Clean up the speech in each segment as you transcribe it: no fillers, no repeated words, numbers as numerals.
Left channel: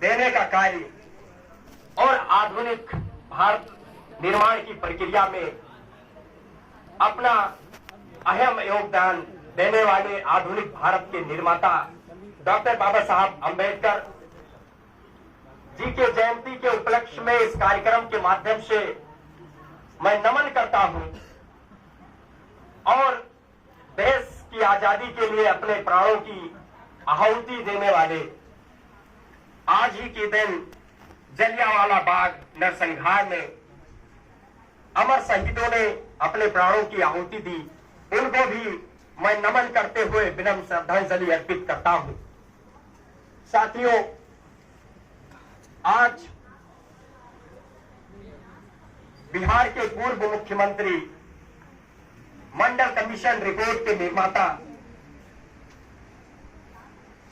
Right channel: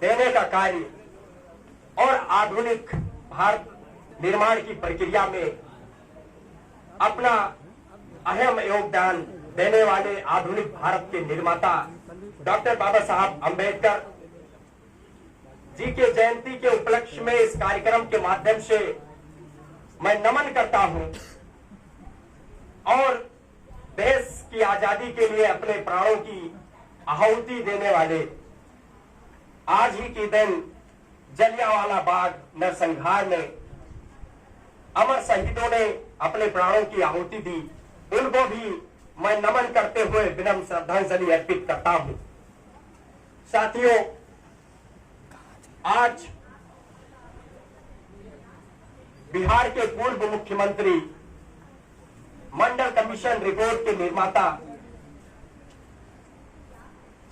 देने का कार्य और आधुनिक भारत निर्माण की प्रक्रिया में अपना अहम योगदान देने वाले आधुनिक भारत के निर्माता डॉक्टर बाबा साहब अम्बेडकर जी के जयंती के उपलक्ष्य में इस कार्यक्रम के माध्यम से मैं नमन करता हूं और देश की आजादी के लिए अपने प्राणों की आहुति देने वाले आज ही के दिन जलियांवाला बाग नरसंहार में अमर शहीदों ने अपने प्राणों की आहुति दी, उनको भी मैं नमन करते हुए विनम्र श्रद्धांजलि अर्पित करता हूं। साथियों, आज बिहार के पूर्व मुख्यमंत्री मंडल कमीशन रिपोर्ट के निर्माता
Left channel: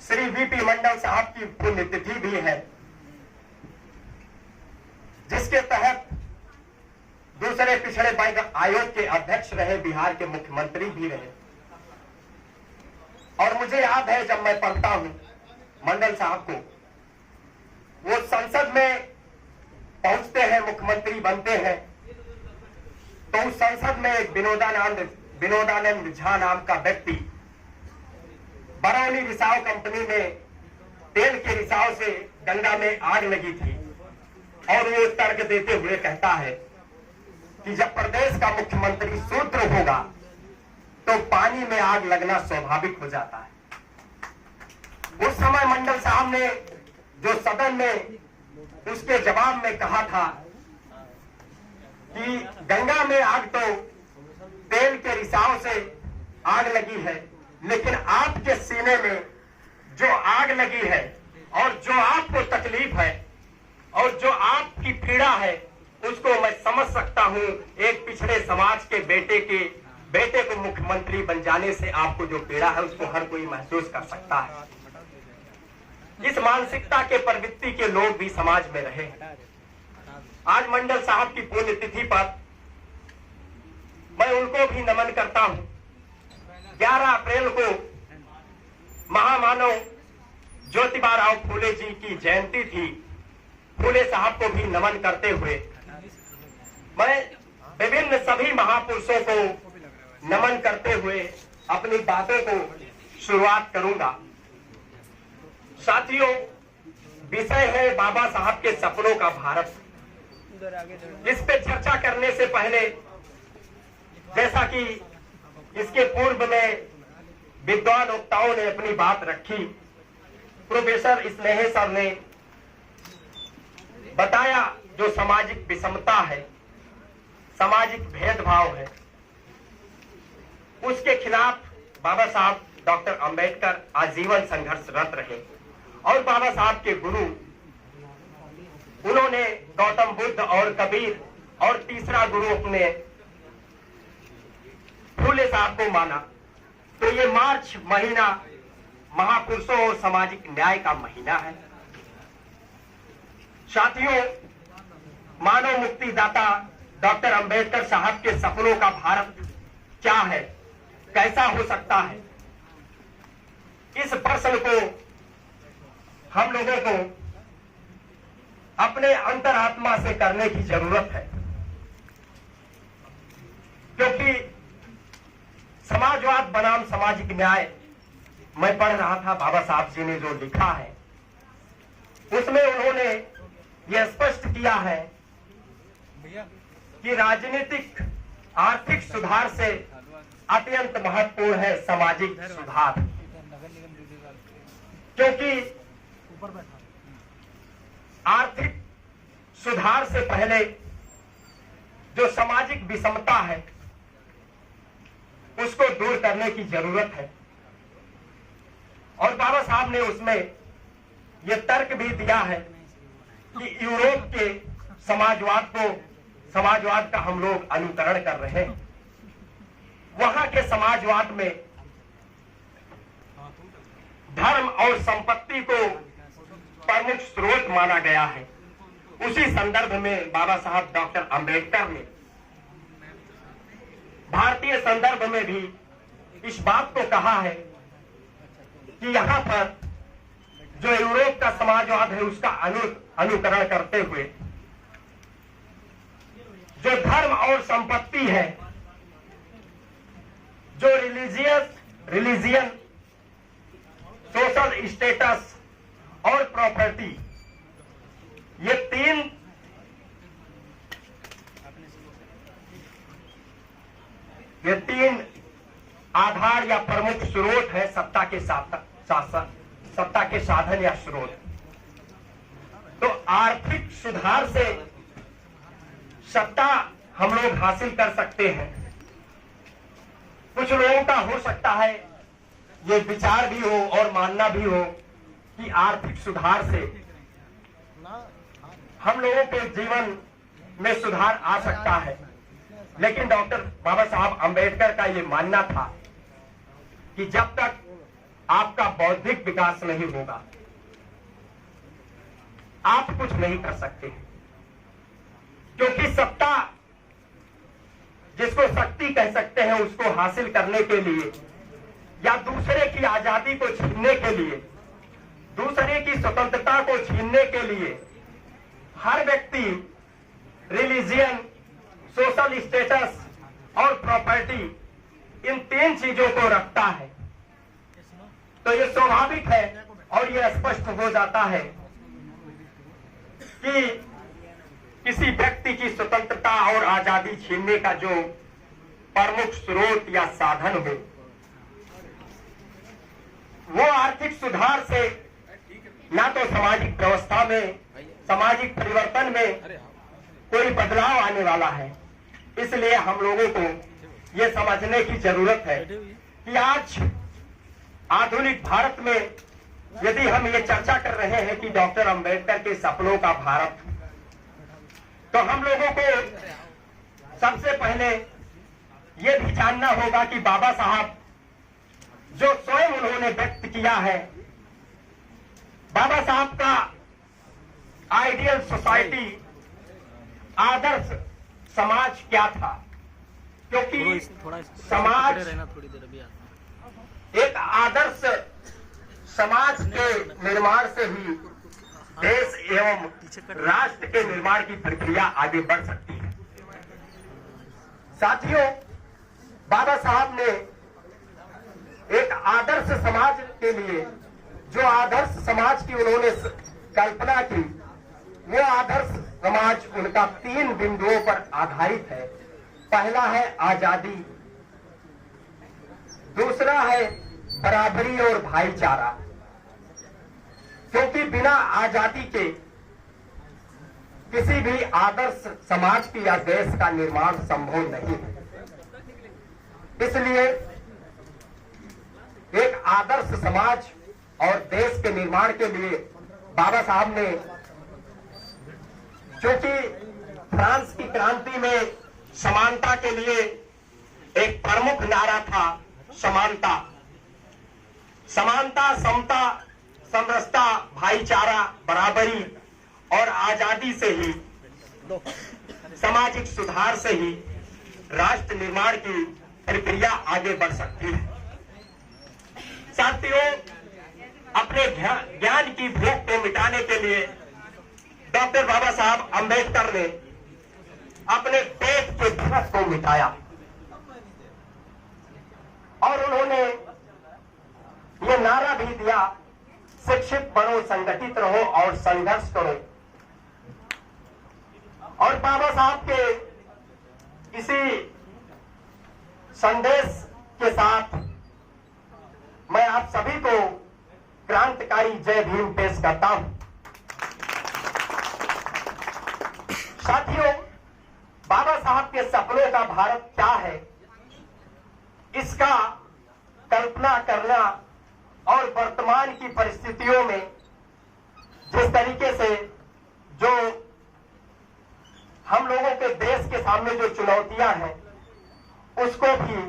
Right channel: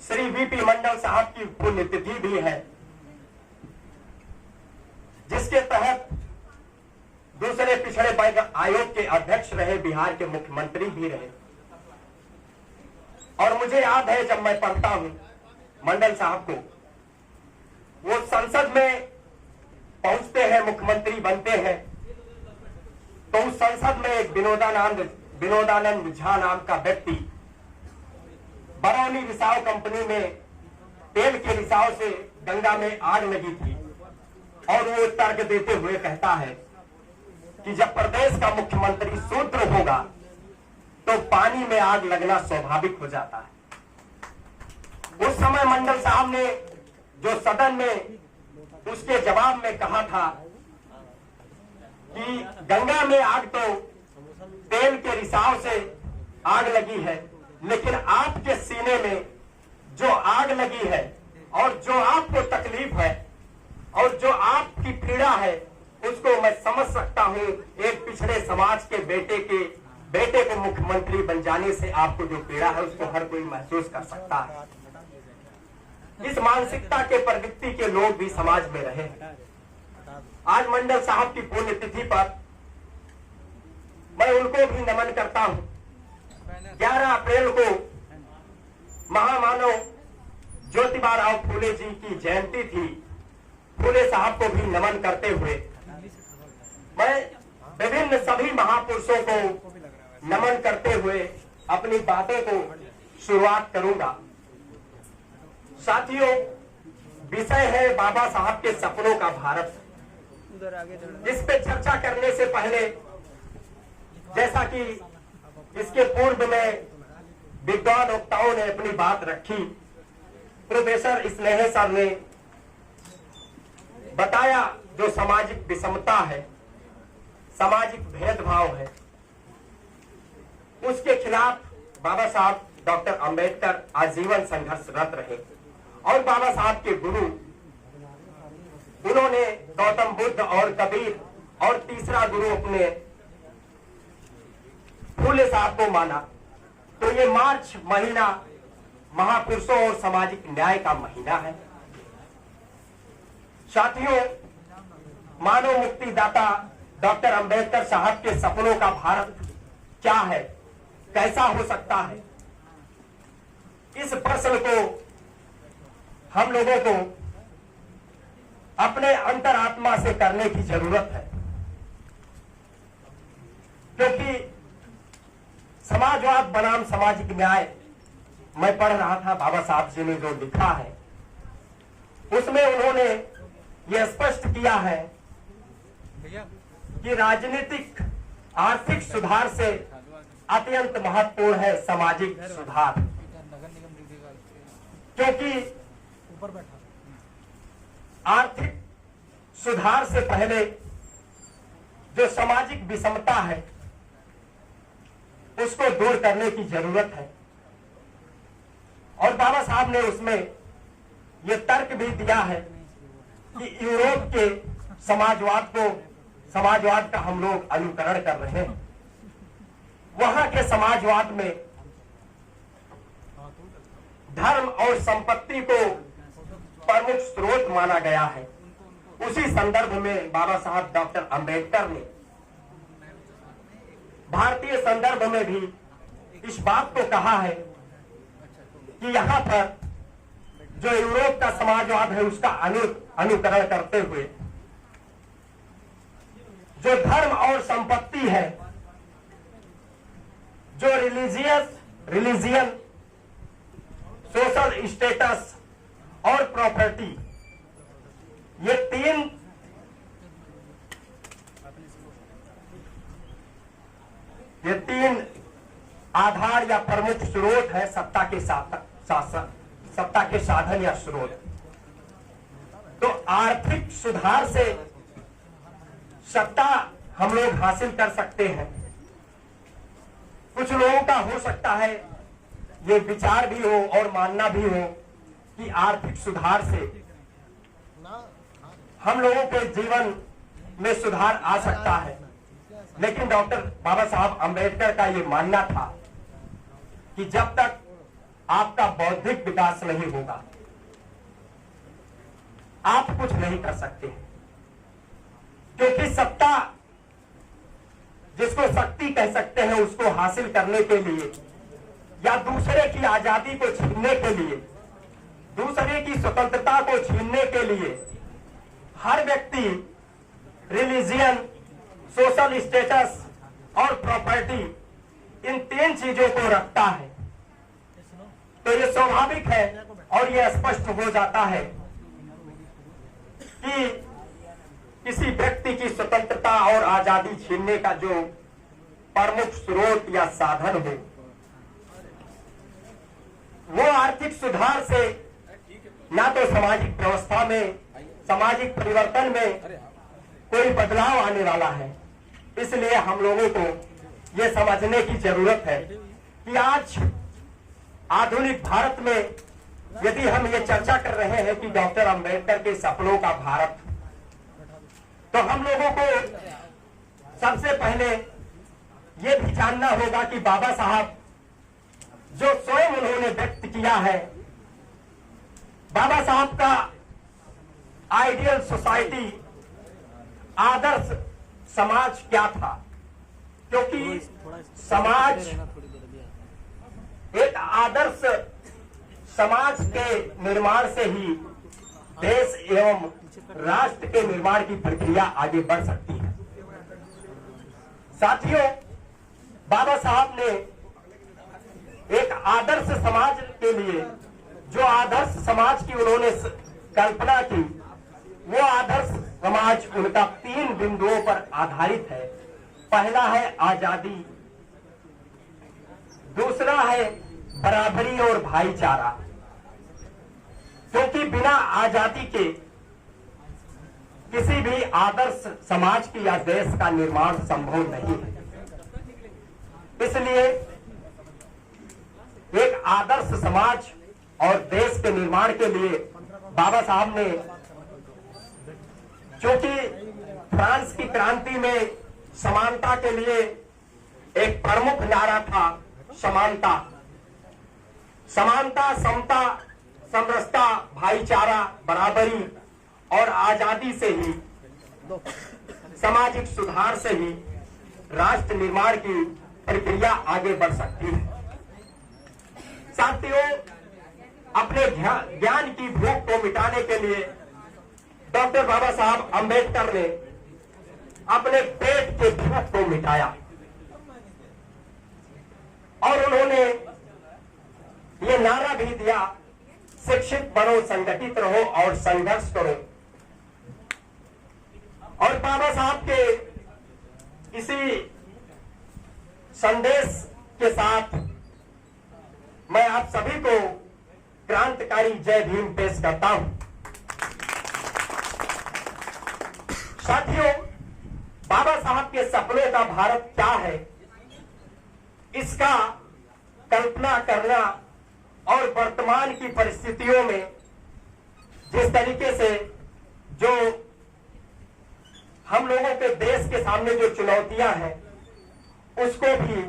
श्री वीपी मंडल साहब की पुण्यतिथि भी है, जिसके तहत दूसरे पिछड़े वर्ग आयोग के अध्यक्ष रहे, बिहार के मुख्यमंत्री भी रहे। और मुझे याद है जब मैं पढ़ता हूं मंडल साहब को, वो संसद में पहुंचते हैं, मुख्यमंत्री बनते हैं, तो उस संसद में एक विनोदानंद झा नाम का व्यक्ति बरौनी रिसाव कंपनी में तेल के रिसाव से गंगा में आग लगी थी और वो तर्क देते हुए कहता है कि जब प्रदेश का मुख्यमंत्री शूद्र होगा तो पानी में आग लगना स्वाभाविक हो जाता है। उस समय मंडल साहब ने जो सदन में उसके जवाब में कहा था कि गंगा में आग तो तेल के रिसाव से आग लगी है, लेकिन आपके सीने में जो आग लगी है और जो आपको तकलीफ है और जो आपकी पीड़ा है उसको मैं समझ सकता हूं। एक पिछड़े समाज के बेटे को मुख्यमंत्री बन जाने से आपको जो पीड़ा है उसको हर कोई महसूस कर सकता है। इस मानसिकता के प्रवृत्ति के लोग भी समाज में रहे। आज मंडल साहब की पुण्यतिथि पर मैं उनको भी नमन करता हूं। 11 अप्रैल को महामानव ज्योतिबा राव फूले जी की जयंती थी। फूले साहब को भी नमन करते हुए मैं विभिन्न सभी महापुरुषों को नमन करते हुए अपनी बातों को शुरुआत करूंगा। साथियों, विषय है बाबा साहब के सपनों का भारत। इस पे चर्चा करने से पहले, जैसा कि इसके पूर्व में विद्वान वक्ताओं ने अपनी बात रखी, प्रोफेसर स्नेह सर ने बताया जो सामाजिक विषमता है, सामाजिक भेदभाव है, उसके खिलाफ बाबा साहब डॉक्टर अंबेडकर आजीवन संघर्षरत रहे। और बाबा साहब के गुरु, उन्होंने गौतम बुद्ध और कबीर और तीसरा गुरु अपने फूले साहब को माना। तो ये मार्च महीना महापुरुषों और सामाजिक न्याय का महीना है। साथियों, मानव मुक्तिदाता डॉक्टर अंबेडकर साहब के सपनों का भारत क्या है, कैसा हो सकता है, इस प्रश्न को हम लोगों को अपने अंतरात्मा से करने की जरूरत है। क्योंकि समाजवाद बनाम सामाजिक न्याय मैं पढ़ रहा था, बाबा साहब जी ने जो लिखा है उसमें उन्होंने यह स्पष्ट किया है कि राजनीतिक आर्थिक सुधार से अत्यंत महत्वपूर्ण है सामाजिक सुधार। क्योंकि आर्थिक सुधार से पहले जो सामाजिक विषमता है उसको दूर करने की जरूरत है। और बाबा साहब ने उसमें यह तर्क भी दिया है कि यूरोप के समाजवाद का हम लोग अनुकरण कर रहे हैं। वहां के समाजवाद में धर्म और संपत्ति को प्रमुख स्रोत माना गया है। उसी संदर्भ में बाबा साहब डॉक्टर अंबेडकर ने भारतीय संदर्भ में भी इस बात को कहा है कि यहाँ पर जो यूरोप का समाजवाद है उसका अनुकरण करते हुए जो धर्म और संपत्ति है, जो रिलीजियन, सोशल स्टेटस और प्रॉपर्टी, ये तीन आधार या प्रमुख स्रोत है सत्ता के साधन या स्रोत। तो आर्थिक सुधार से सत्ता हम लोग हासिल कर सकते हैं। कुछ लोगों का हो सकता है ये विचार भी हो और मानना भी हो कि आर्थिक सुधार से हम लोगों के जीवन में सुधार आ सकता है, लेकिन डॉक्टर बाबा साहब अंबेडकर का ये मानना था कि जब तक आपका बौद्धिक विकास नहीं होगा आप कुछ नहीं कर सकते, क्योंकि सत्ता जिसको शक्ति कह सकते हैं उसको हासिल करने के लिए या दूसरे की आजादी को छीनने के लिए, दूसरे की स्वतंत्रता को छीनने के लिए हर व्यक्ति रिलीजियन, सोशल स्टेटस और प्रॉपर्टी इन तीन चीजों को रखता है। तो ये स्वाभाविक है और ये स्पष्ट हो जाता है कि किसी व्यक्ति की स्वतंत्रता और आजादी छीनने का जो प्रमुख स्रोत या साधन हो वो आर्थिक सुधार से ना तो सामाजिक व्यवस्था में, सामाजिक परिवर्तन में कोई बदलाव आने वाला है। इसलिए हम लोगों को ये समझने की जरूरत है कि आज आधुनिक भारत में यदि हम ये चर्चा कर रहे हैं कि डॉक्टर अंबेडकर के सपनों का भारत, तो हम लोगों को सबसे पहले ये भी जानना होगा कि बाबा साहब जो स्वयं उन्होंने व्यक्त किया है, बाबा साहब का आइडियल सोसाइटी, आदर्श समाज क्या था, क्योंकि समाज एक आदर्श समाज के निर्माण से ही देश एवं राष्ट्र के निर्माण की प्रक्रिया आगे बढ़ सकती है। साथियों, बाबा साहब ने एक आदर्श समाज के लिए जो आदर्श समाज की उन्होंने कल्पना की, वो आदर्श समाज उनका 3 बिंदुओं पर आधारित है। पहला है आजादी, दूसरा है बराबरी और भाईचारा, क्योंकि बिना आजादी के किसी भी आदर्श समाज की या देश का निर्माण संभव नहीं है। इसलिए एक आदर्श समाज और देश के निर्माण के लिए बाबा साहब ने, क्योंकि फ्रांस की क्रांति में समानता के लिए एक प्रमुख नारा था समानता, समानता, समता, समरसता, भाईचारा, बराबरी और आजादी से ही, सामाजिक सुधार से ही राष्ट्र निर्माण की प्रक्रिया आगे बढ़ सकती है। साथियों, अपने ज्ञान की भूख को मिटाने के लिए डॉक्टर बाबा साहब अंबेडकर ने अपने पेट के भूख को मिटाया और उन्होंने ये नारा भी दिया, शिक्षित बनो, संगठित रहो और संघर्ष करो। और बाबा साहब के इसी संदेश के साथ मैं आप सभी को क्रांतिकारी जय भीम पेश करता हूं। साथियों, बाबा साहब के सपनों का भारत क्या है, इसका कल्पना करना और वर्तमान की परिस्थितियों में जिस तरीके से जो हम लोगों के देश के सामने जो चुनौतियां हैं उसको भी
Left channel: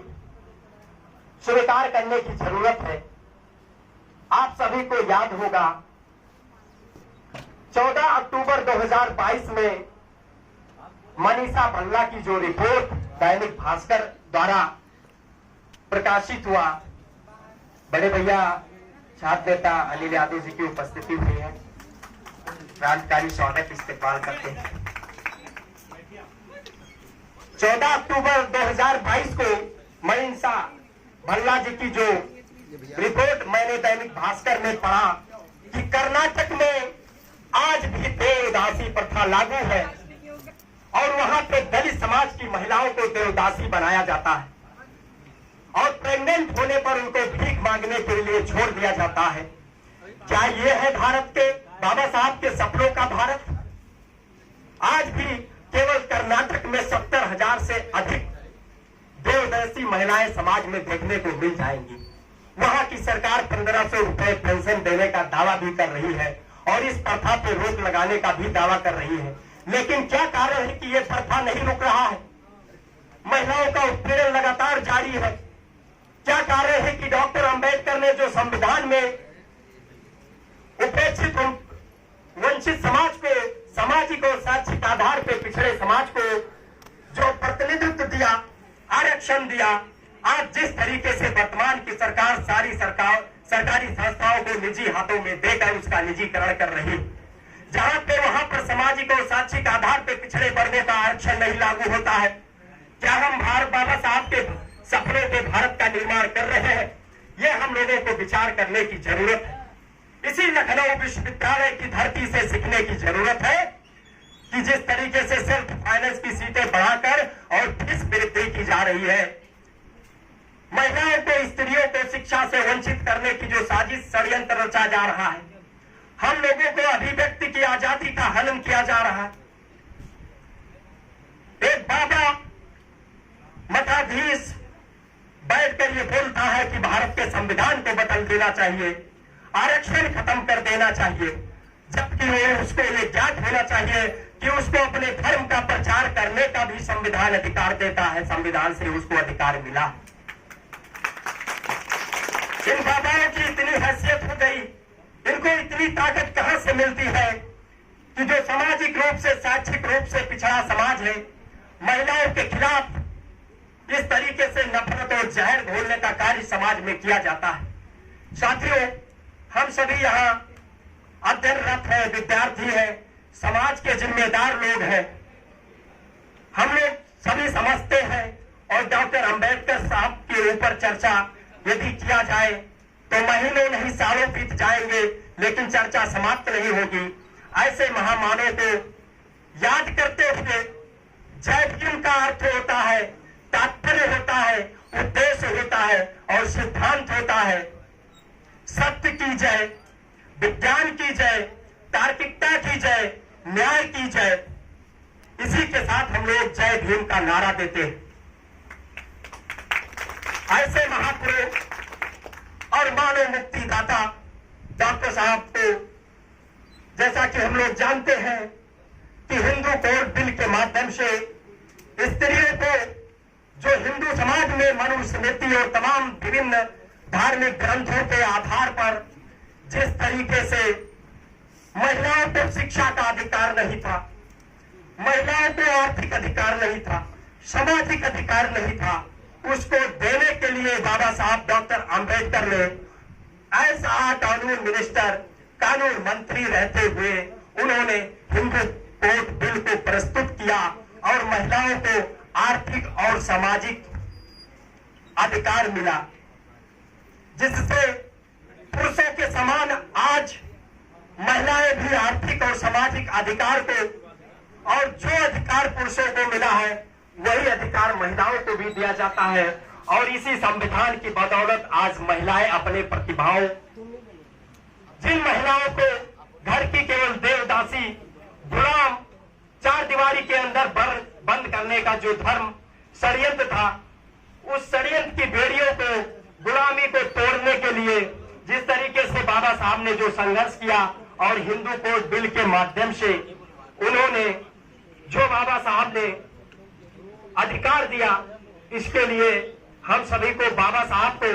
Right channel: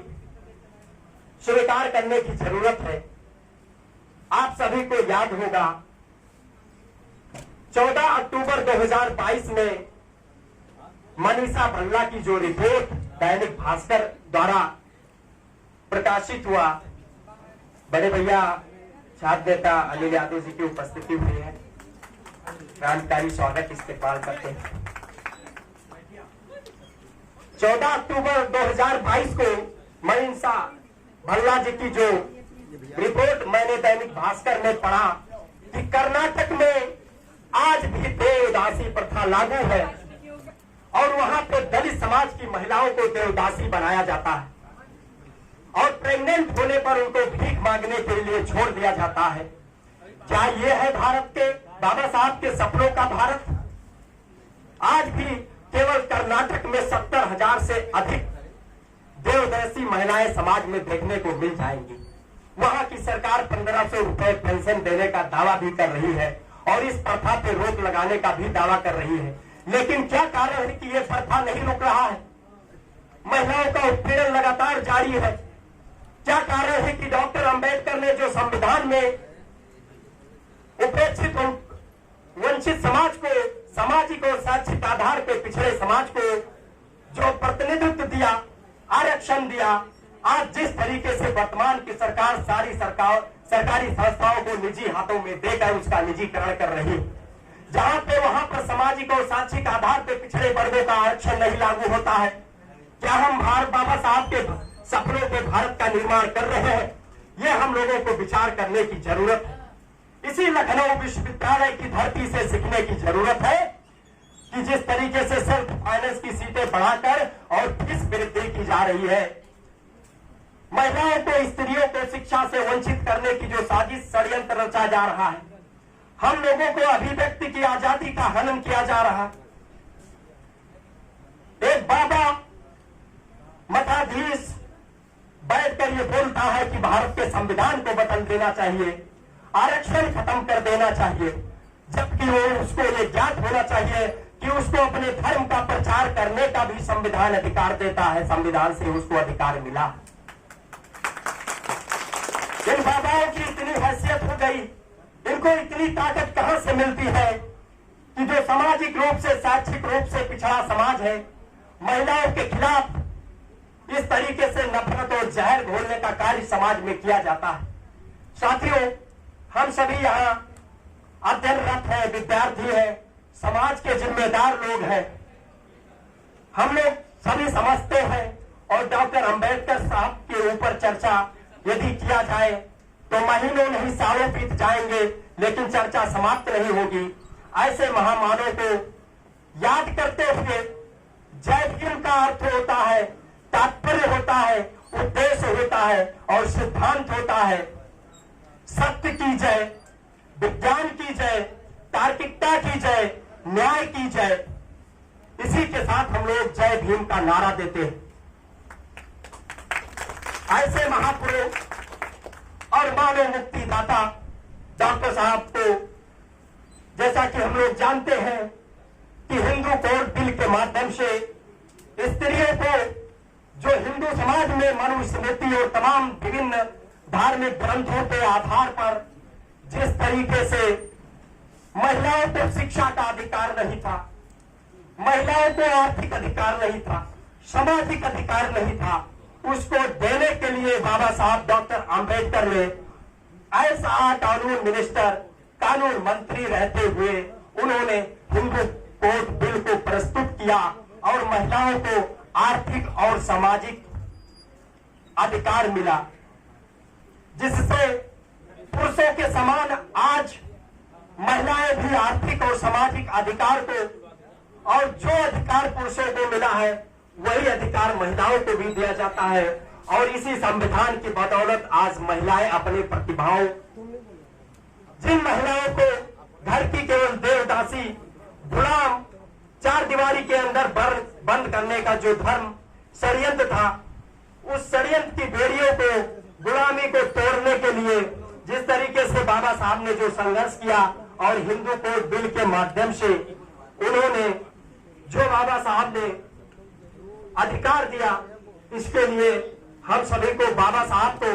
स्वीकार करने की जरूरत है। आप सभी को याद होगा 14 अक्टूबर 2022 में मनीषा भल्ला की जो रिपोर्ट दैनिक भास्कर द्वारा प्रकाशित हुआ, बड़े भैया छात्र नेता अनिल यादव जी की उपस्थिति हुई है। क्रांतिकारी स्वागत इस्तेमाल करते हैं। 14 अक्टूबर 2022 को महिंसा भल्ला जी की जो रिपोर्ट मैंने दैनिक भास्कर में पढ़ा कि कर्नाटक में आज भी देवदासी प्रथा लागू है और वहां पे दलित समाज की महिलाओं को देवदासी बनाया जाता है और प्रेग्नेंट होने पर उनको भीख मांगने के लिए छोड़ दिया जाता है। क्या ये है भारत के बाबा साहब के सपनों का भारत? आज भी केवल कर्नाटक में 70,000 से अधिक देवदासी महिलाएं समाज में देखने को मिल जाएंगी। वहां की सरकार 1500 रुपए पेंशन देने का दावा भी कर रही है और इस प्रथा पर रोक लगाने का भी दावा कर रही है। लेकिन क्या कारण है कि यह प्रथा नहीं रुक रहा है? महिलाओं का उत्पीड़न लगातार जारी है। क्या कारण है कि डॉक्टर अंबेडकर ने जो संविधान में उपेक्षित वंचित समाज को सामाजिक और शैक्षिक आधार पर पिछड़े समाज को जो प्रतिनिधित्व दिया, आरक्षण दिया, आज जिस तरीके से वर्तमान की सरकार सरकारी संस्थाओं को निजी हाथों में देकर उसका निजीकरण कर रही है, जहां पे वहां पर सामाजिक और शैक्षिक आधार पर पिछड़े वर्गों का आरक्षण नहीं लागू होता है। क्या हम बाबा साहब के सपनों के भारत का निर्माण कर रहे हैं? यह हम लोगों को विचार करने की जरूरत है। इसी लखनऊ विश्वविद्यालय की धरती से सीखने की जरूरत है कि जिस तरीके से सेल्फ फाइनेंस की सीटें बढ़ाकर और फीस वृद्धि की जा रही है, महिलाओं को, स्त्रियों को शिक्षा से वंचित करने की जो साजिश षड्यंत्र रचा जा रहा है, हम लोगों को अभिव्यक्ति की आजादी का हनन किया जा रहा है। एक बाबा मठाधीश बैठकर ये बोलता है कि भारत के संविधान को बदल देना चाहिए, आरक्षण खत्म कर देना चाहिए, जबकि वो उसको ये ज्ञात होना चाहिए कि उसको अपने धर्म का प्रचार करने का भी संविधान अधिकार देता है। संविधान से उसको अधिकार मिला। इन बाबाओं की इतनी हैसियत हो गई, इनको इतनी ताकत कहां से मिलती है कि जो सामाजिक रूप से, शैक्षिक रूप से पिछड़ा समाज है, महिलाओं के खिलाफ इस तरीके से नफरत और जहर घोलने का कार्य समाज में किया जाता है। साथियों, हम सभी यहाँ अध्ययनरत हैं, विद्यार्थी हैं, समाज के जिम्मेदार लोग हैं। हम लोग सभी समझते हैं और डॉक्टर अंबेडकर साहब के ऊपर चर्चा यदि किया जाए तो महीनों नहीं सालों बीत जाएंगे, लेकिन चर्चा समाप्त नहीं होगी। ऐसे महामानव को याद करते हुए जय भीम का अर्थ होता है, तात्पर्य होता है, उद्देश्य होता है और सिद्धांत होता है। सत्य की जय, विज्ञान की जय, तार्किकता की जय, न्याय की जय। इसी के साथ हम लोग जय भीम का नारा देते हैं। ऐसे महापुरुष और मानव मुक्ति दाता डॉक्टर साहब को, जैसा कि हम लोग जानते हैं कि हिंदू कोड बिल के माध्यम से स्त्रियों को, जो हिंदू समाज में मनुस्मृति और तमाम विभिन्न धार्मिक ग्रंथों के आधार पर जिस तरीके से महिलाओं को शिक्षा का अधिकार नहीं था, महिलाओं को आर्थिक अधिकार नहीं था, सामाजिक अधिकार नहीं था, उसको देने के लिए बाबा साहब डॉक्टर अंबेडकर ने ऐसा कानून मिनिस्टर, कानून मंत्री रहते हुए उन्होंने हिंदू कोड बिल को प्रस्तुत किया और महिलाओं को आर्थिक और सामाजिक अधिकार मिला, जिससे पुरुषों के समान आज महिलाएं भी आर्थिक और सामाजिक अधिकार को, और जो अधिकार पुरुषों को मिला है वही अधिकार महिलाओं को भी दिया जाता है। और इसी संविधान की बदौलत आज महिलाएं अपने प्रतिभाओं, जिन महिलाओं को घर की केवल देवदासी, गुलाम, चार दीवारी के अंदर बंद करने का जो धर्म षड्यंत्र था, उस षड्यंत्र की बेड़ियों को, गुलामी को तोड़ने के लिए जिस तरीके से बाबा साहब ने जो संघर्ष किया और हिंदू कोड बिल के माध्यम से उन्होंने जो बाबा साहब ने अधिकार दिया, इसके लिए हम सभी को, बाबा साहब को,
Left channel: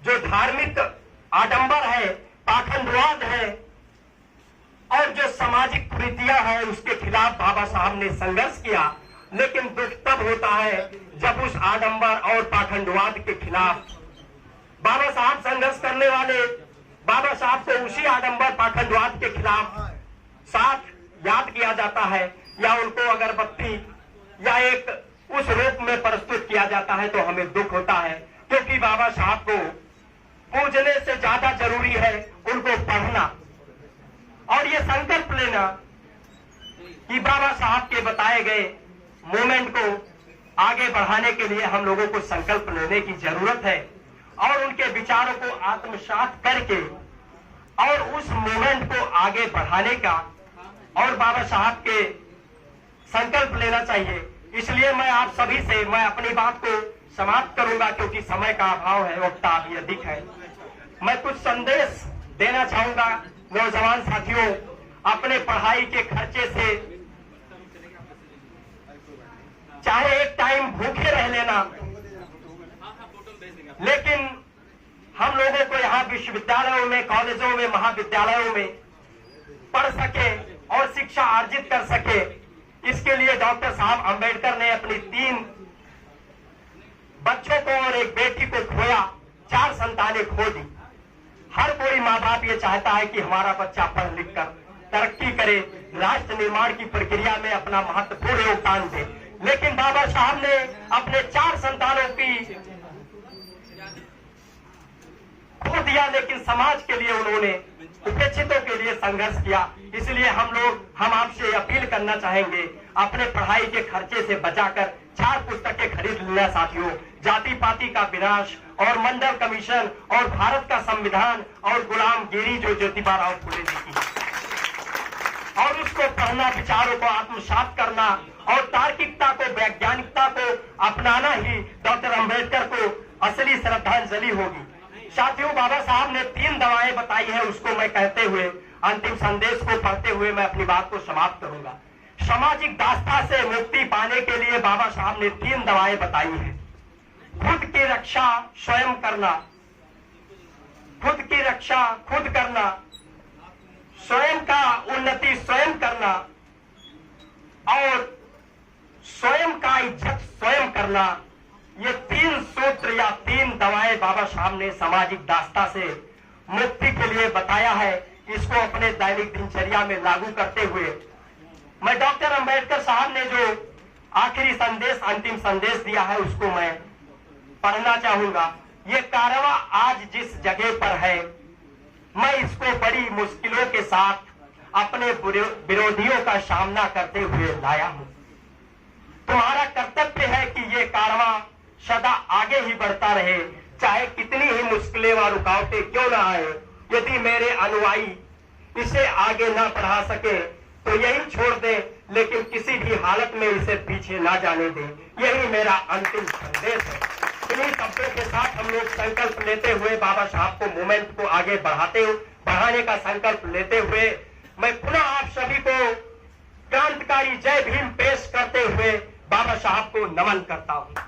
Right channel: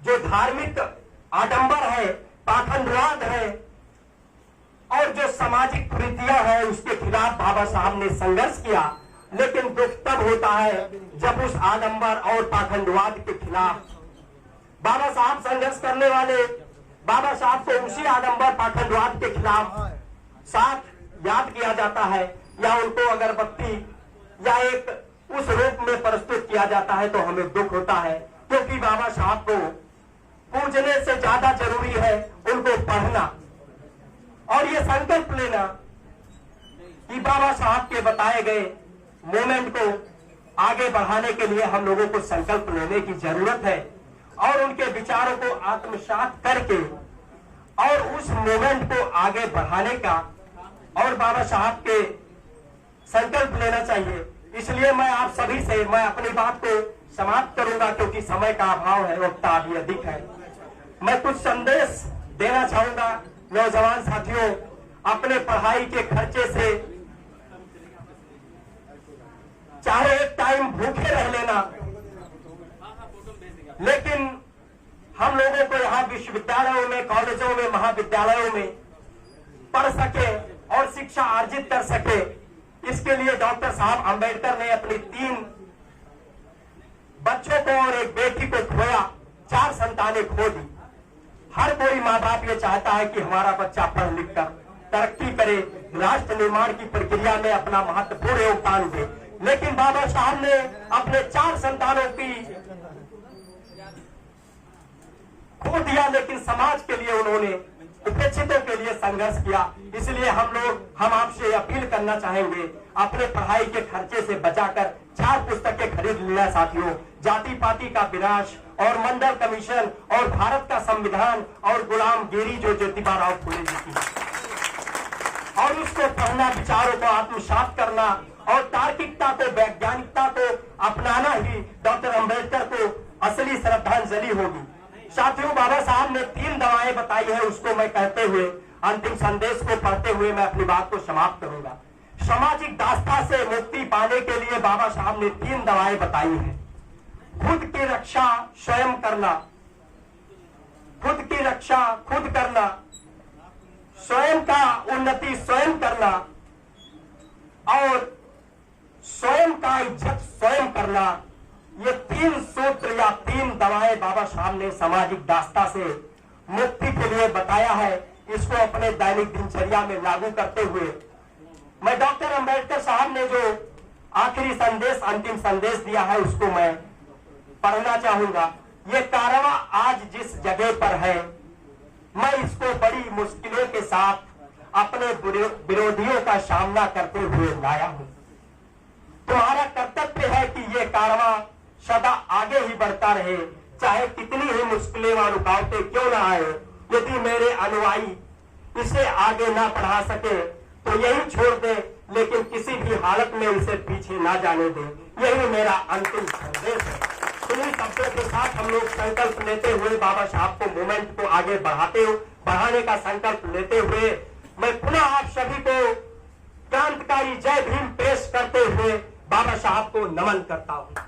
जो धार्मिक आडंबर है, पाखंडवाद है और जो सामाजिक कुरीतियां हैं, उसके खिलाफ बाबा साहब ने संघर्ष किया। लेकिन दुख तब होता है जब उस आडंबर और पाखंडवाद के खिलाफ बाबा साहब संघर्ष करने वाले बाबा साहब को उसी आडंबर पाखंडवाद के खिलाफ साथ याद किया जाता है, या उनको अगरबत्ती या एक उस रूप में प्रस्तुत किया जाता है तो हमें दुख होता है, क्योंकि बाबा साहब को पूजने से ज्यादा जरूरी है उनको पढ़ना और ये संकल्प लेना कि बाबा साहब के बताए गए मूवमेंट को आगे बढ़ाने के लिए हम लोगों को संकल्प लेने की जरूरत है और उनके विचारों को आत्मसात करके और उस मूवमेंट को आगे बढ़ाने का और बाबा साहब के संकल्प लेना चाहिए। इसलिए मैं आप सभी से मैं अपनी बात को समाप्त करूंगा, क्योंकि समय का अभाव है, वक्त अभी अधिक है। मैं कुछ संदेश देना चाहूंगा नौजवान साथियों, अपने पढ़ाई के खर्चे से चाहे एक टाइम भूखे रह लेना, लेकिन हम लोगों को यहाँ विश्वविद्यालयों में, कॉलेजों में, महाविद्यालयों में पढ़ सके और शिक्षा अर्जित कर सके, इसके लिए डॉक्टर साहब अंबेडकर ने अपनी 3 बच्चों को और एक बेटी को खोया, 4 संतानें खो दी। हर कोई माँ बाप ये चाहता है कि हमारा बच्चा पढ़ लिख कर तरक्की करे, राष्ट्र निर्माण की प्रक्रिया में अपना महत्वपूर्ण योगदान दे, लेकिन बाबा साहब ने अपने 4 संतानों की खो दिया, लेकिन समाज के लिए उन्होंने उपेक्षितों के लिए संघर्ष किया। इसलिए हम आपसे अपील करना चाहेंगे, अपने पढ़ाई के खर्चे से बचाकर 4 पुस्तकें खरीद लेना साथियों। जाति पाति का विनाश और मंडल कमीशन और भारत का संविधान और गुलामगिरी जो ज्योतिबा राव फुले जी की, और उसको पढ़ना, विचारों को आत्मसात करना और तार्किकता को, वैज्ञानिकता को अपनाना ही डॉक्टर अंबेडकर को असली श्रद्धांजलि होगी। साथियों, बाबा साहब ने 3 दवाएं बताई है, उसको मैं कहते हुए अंतिम संदेश को पढ़ते हुए मैं अपनी बात को समाप्त करूंगा। सामाजिक दास्ता से मुक्ति पाने के लिए बाबा साहब ने 3 दवाएं बताई हैं। खुद की रक्षा स्वयं करना, खुद की रक्षा खुद करना, स्वयं का उन्नति स्वयं करना और स्वयं का इज्जत स्वयं करना। ये 3 सूत्र या 3 दवाएं बाबा साहब ने सामाजिक दास्ता से मुक्ति के लिए बताया है। इसको अपने दैनिक दिनचर्या में लागू करते हुए मैं डॉक्टर अंबेडकर साहब ने जो आखिरी संदेश, अंतिम संदेश दिया है, उसको मैं पढ़ना चाहूंगा। ये कारवां आज जिस जगह पर है, मैं इसको बड़ी मुश्किलों के साथ अपने विरोधियों का सामना करते हुए लाया हूं। तुम्हारा कर्तव्य है कि ये कारवां सदा आगे ही बढ़ता रहे, चाहे कितनी ही मुश्किलें व रुकावटें क्यों न आए। यदि मेरे अनुयायी इसे आगे ना बढ़ा सके तो यही छोड़ दे, लेकिन किसी भी हालत में इसे पीछे ना जाने दे। यही मेरा अंतिम संदेश है। इन्हीं शब्दों के साथ हम लोग संकल्प लेते हुए बाबा साहब को मूवमेंट को आगे बढ़ाने का संकल्प लेते हुए मैं पुनः आप सभी को क्रांतिकारी जय भीम पेश करते हुए बाबा साहब को नमन करता हूं।